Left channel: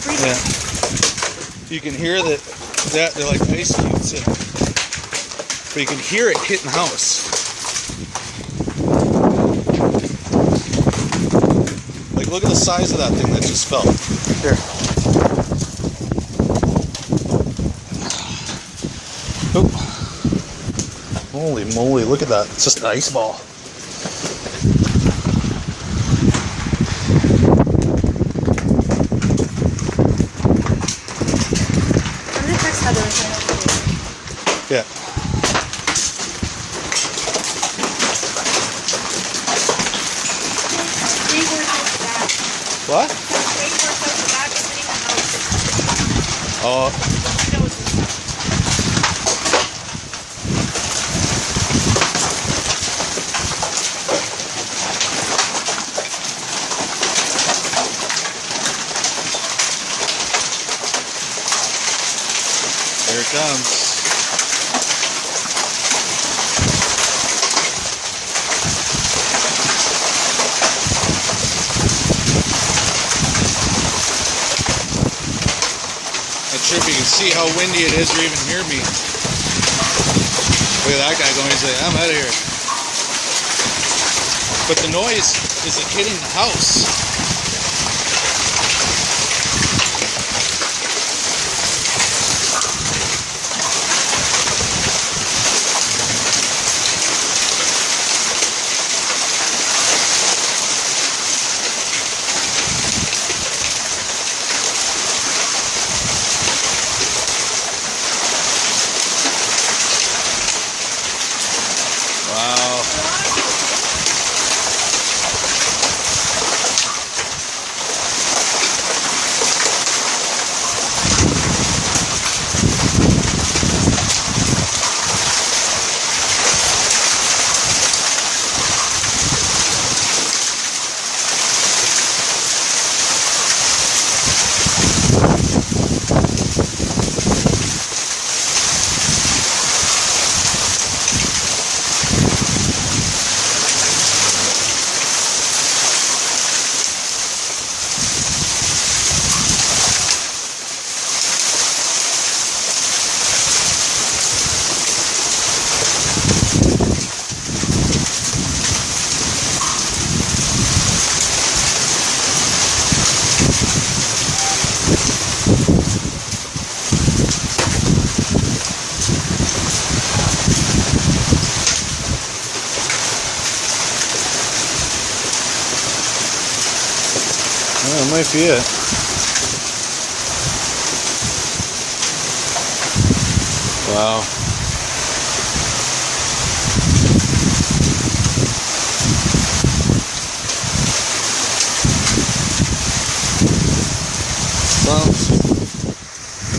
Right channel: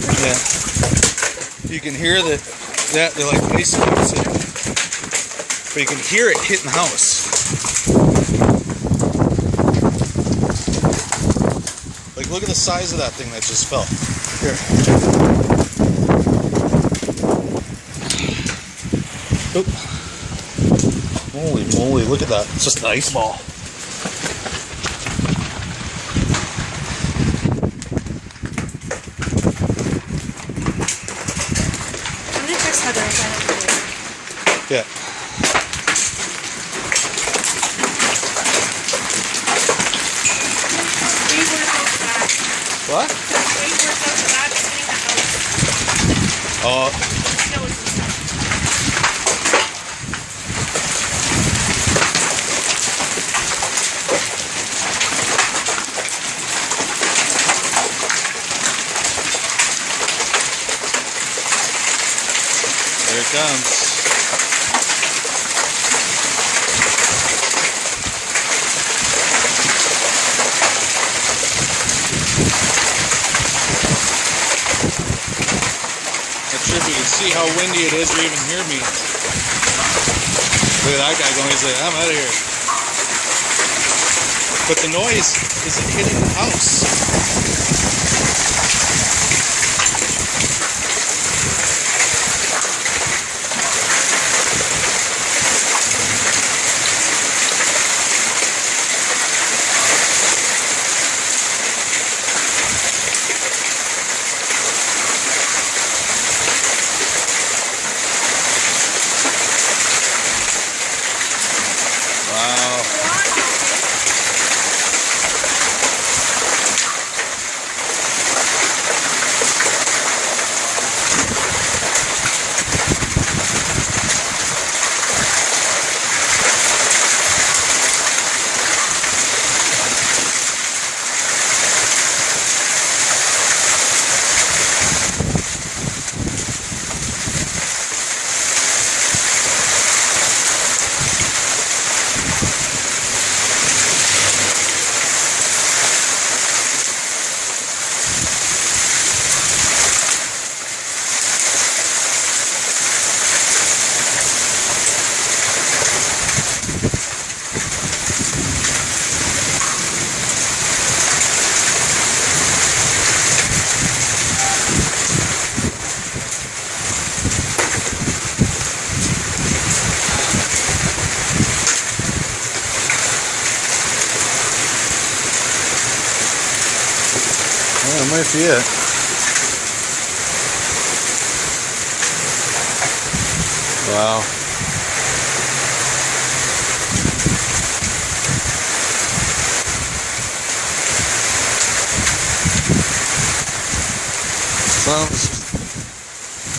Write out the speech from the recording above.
Yeah. You can hear that they're like ice cubes, but you can hear it hitting the house. Like, look at the size of that thing that just fell. Here. Oop. Holy moly, look at that. It's just an ice ball. I'm gonna text Heather and find out what it is. Yeah. What? Oh. Here it comes. Not sure if you can see how windy it is or even hear me. Look at that guy going, he's like, I'm out of here. But the noise is like hitting the house. Wow. Yeah, that might be it. Wow. Well,